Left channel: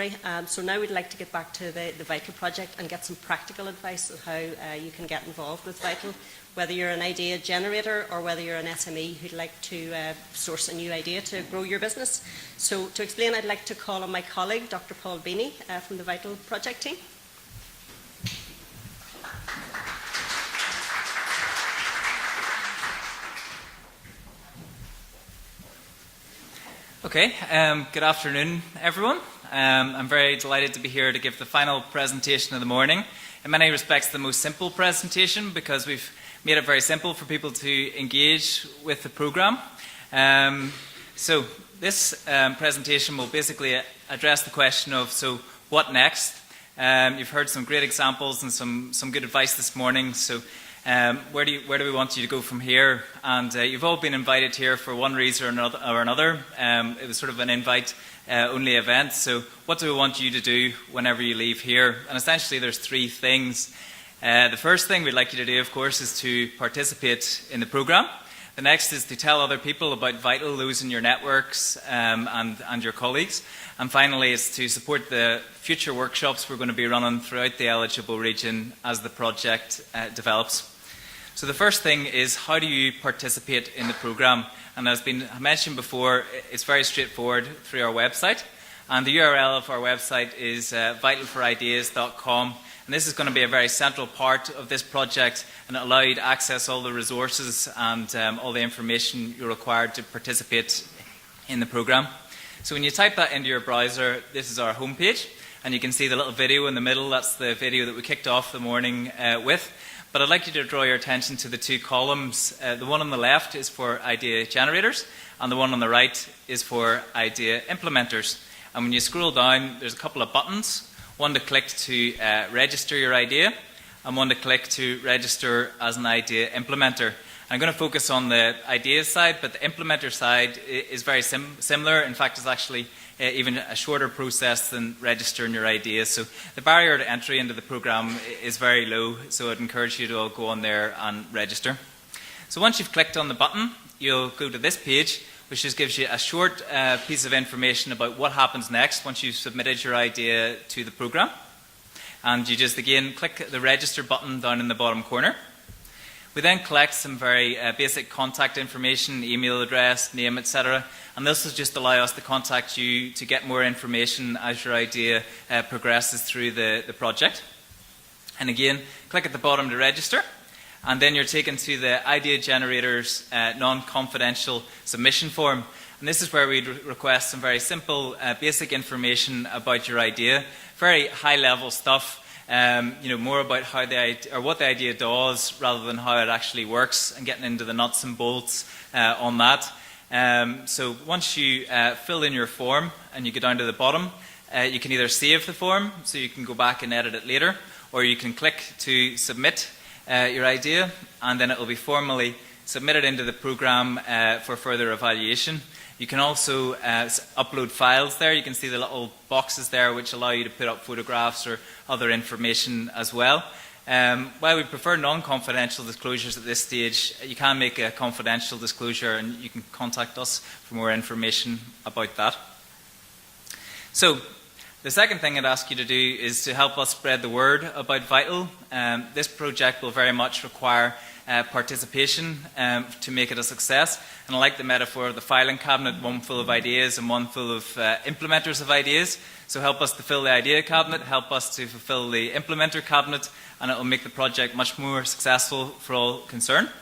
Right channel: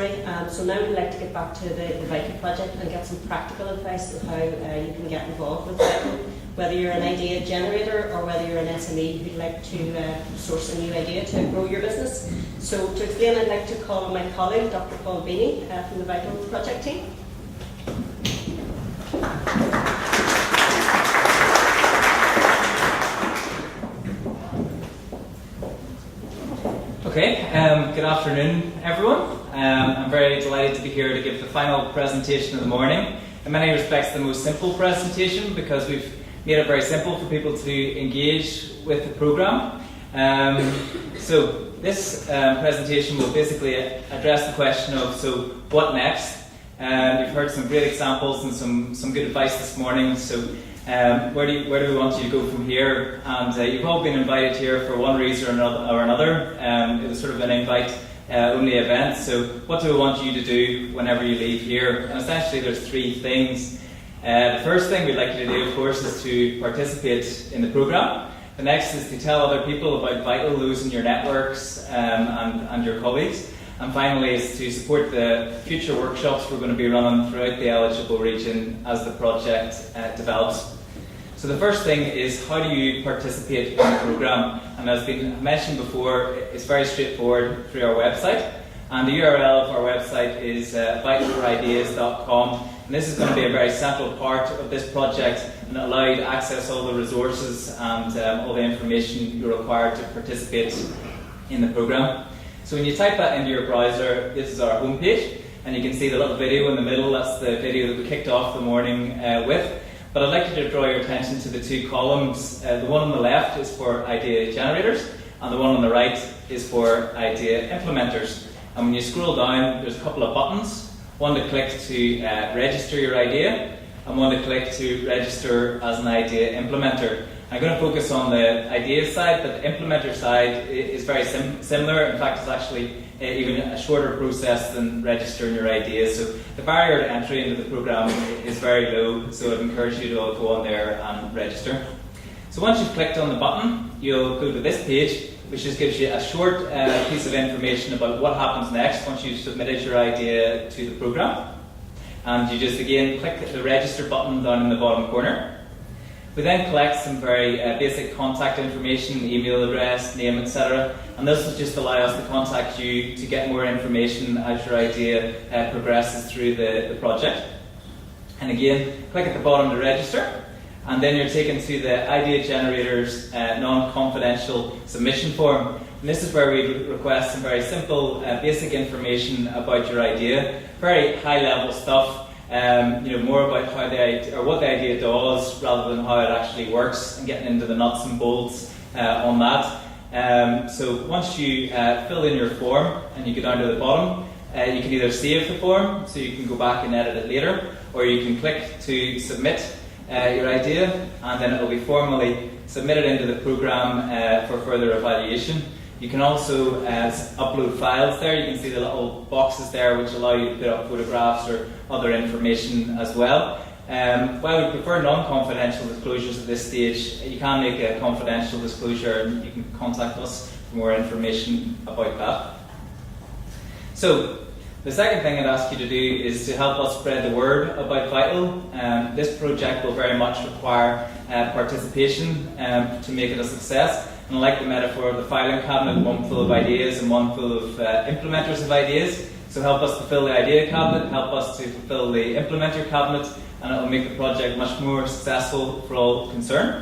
So now we'd like to get back to the VITAL project and get some practical advice on how you can get involved with VITAL, whether you're an idea generator or whether you're an SME who'd like to source a new idea to grow your business. So to explain, I'd like to call on my colleague, Dr. Paul Beaney from the VITAL project team. Okay, good afternoon everyone. I'm very delighted to be here to give the final presentation of the morning. In many respects the most simple presentation because we've made it very simple for people to engage with the programme. So this presentation will basically address the question of, so what next? You've heard some great examples and some good advice this morning. So where do we want you to go from here? And you've all been invited here for one reason or another. It was sort of an invite-only event. So what do we want you to do whenever you leave here? And essentially there's three things. The first thing we'd like you to do, of course, is to participate in the programme. The next is to tell other people about VITAL, those in your networks and your colleagues. And finally is to support the future workshops we're going to be running throughout the eligible region as the project develops. So the first thing is, how do you participate in the programme? And as been mentioned before, it's very straightforward through our website. And the URL of our website is vitalforideas.com. And this is going to be a very central part of this project, and it'll allow you to access all the resources and all the information you're required to participate in the programme. So when you type that into your browser, this is our homepage, and you can see the little video in the middle. That's the video that we kicked off the morning with. But I'd like you to draw your attention to the two columns. The one on the left is for idea generators, and the one on the right is for idea implementers. And when you scroll down, there's a couple of buttons. One to click to register your idea, and one to click to register as an idea implementer. I'm going to focus on the ideas side, but the implementer side is very similar. In fact, it's actually even a shorter process than registering your ideas. So the barrier to entry into the programme is very low, so I'd encourage you to all go on there and register. So once you've clicked on the button, you'll go to this page, which just gives you a short piece of information about what happens next once you've submitted your idea to the programme. And you just again click the register button down in the bottom corner. We then collect some very basic contact information, email address, name, etc. And this will just allow us to contact you to get more information as your idea progresses through the project. And again, click at the bottom to register. And then you're taken to the Idea Generator's non-confidential submission form. And this is where we request some very simple, basic information about your idea. Very high-level stuff. More about how what the idea does rather than how it actually works, and getting into the nuts and bolts on that. So once you fill in your form and you go down to the bottom, you can either save the form so you can go back and edit it later, or you can click to submit your idea, and then it will be formally submitted into the programme for further evaluation. You can also upload files there. You can see the little boxes there which allow you to put up photographs or other information as well. While we prefer non-confidential disclosures at this stage, you can make a confidential disclosure and you can contact us for more information about that. So the second thing I'd ask you to do is to help us spread the word about VITAL. This project will very much require participation to make it a success. And I like the metaphor of the filing cabinet, one full of ideas and one full of implementers of ideas. So help us to fill the idea cabinet, help us to fulfill the implementer cabinet, and it will make the project much more successful for all concerned.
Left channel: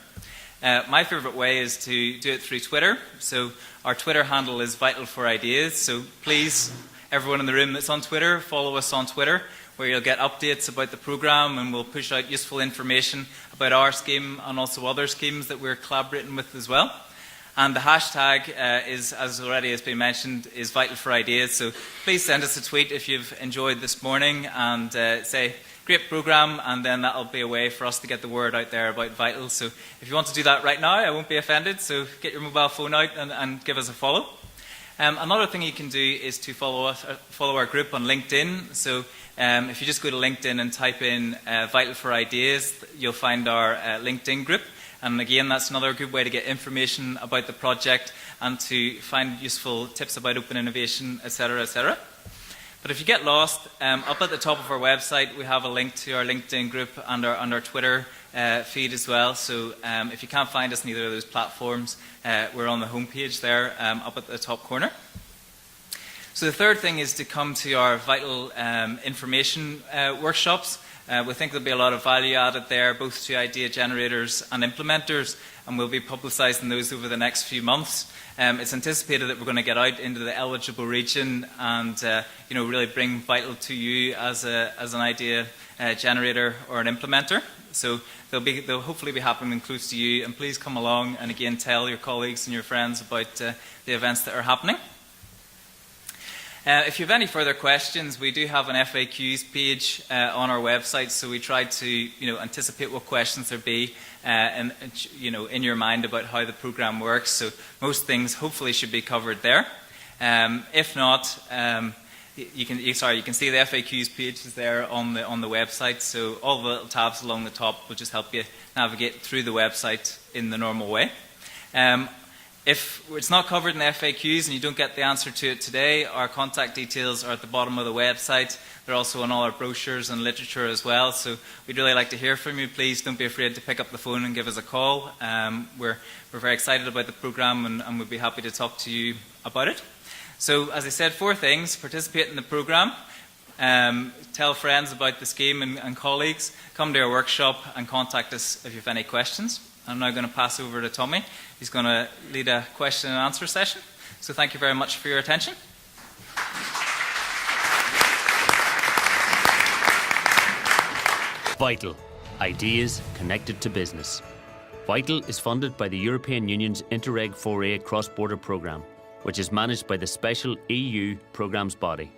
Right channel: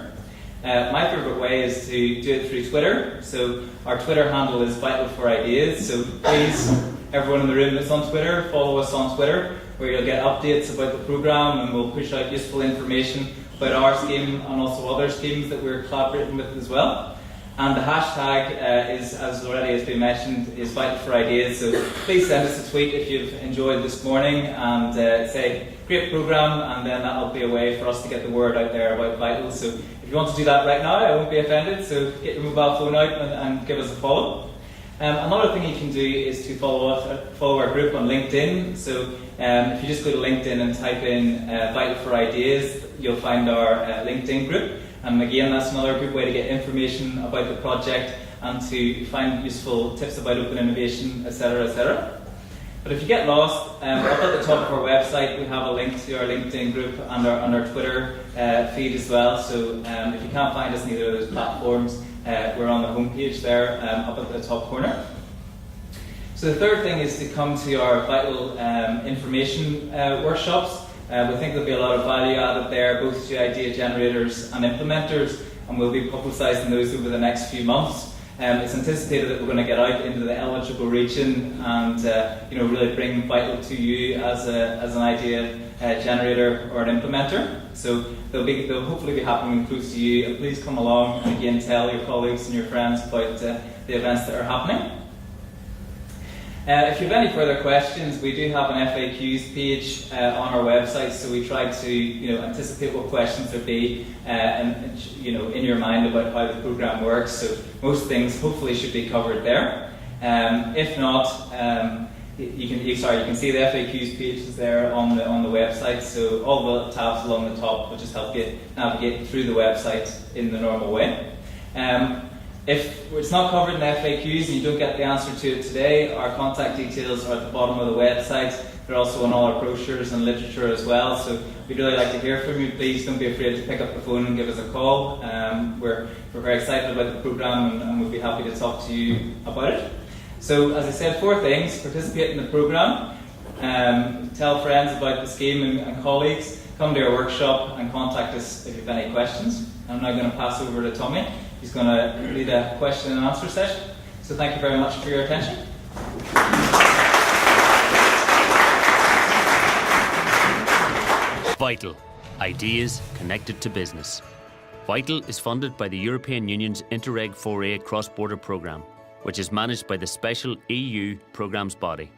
My favourite way is to do it through Twitter. So our Twitter handle is VitalForIdeas. So please, everyone in the room that's on Twitter, follow us on Twitter, where you'll get updates about the programme, and we'll push out useful information about our scheme and also other schemes that we're collaborating with as well. And the hashtag is, as already has been mentioned, is VitalForIdeas. So please send us a tweet if you've enjoyed this morning and say, great programme, and then that'll be a way for us to get the word out there about VITAL. So if you want to do that right now, I won't be offended. So get your mobile phone out and give us a follow. Another thing you can do is to follow our group on LinkedIn. So if you just go to LinkedIn and type in VitalForIdeas, you'll find our LinkedIn group. And again, that's another good way to get information about the project and to find useful tips about open innovation, etc., etc. But if you get lost, up at the top of our website we have a link to our LinkedIn group and our Twitter feed as well. So if you can't find us in either of those platforms, we're on the homepage there up at the top corner. So the third thing is to come to our vital information workshops. We think there'll be a lot of value added there, both to idea generators and implementers, and we'll be publicising those over the next few months. It's anticipated that we're going to get out into the eligible region and really bring Vital to you as an idea generator or an implementer. So they'll hopefully be happening close to you, and please come along and again tell your colleagues and your friends about the events that are happening. If you have any further questions, we do have an FAQs page on our website, so we try to anticipate what questions there be in your mind about how the programme works. So most things hopefully should be covered there. If not, you can see the FAQs page is there on the website. So all the tabs along the top will just help you navigate through the website in the normal way. If it's not covered in the FAQs and you don't get the answer to it today, our contact details are at the bottom of the website. They're also on all our brochures and literature as well. So we'd really like to hear from you. Please don't be afraid to pick up the phone and give us a call. We're very excited about the programme and we'd be happy to talk to you about it. So as I said, 4 things: participate in the programme, tell friends about the scheme and colleagues, come to our workshop and contact us if you have any questions. I'm now going to pass over to Tommy. He's going to lead a question and answer session. So thank you very much for your attention. Vital. Ideas connected to business. Vital is funded by the European Union's Interreg 4A cross-border programme, which is managed by the special EU programmes body.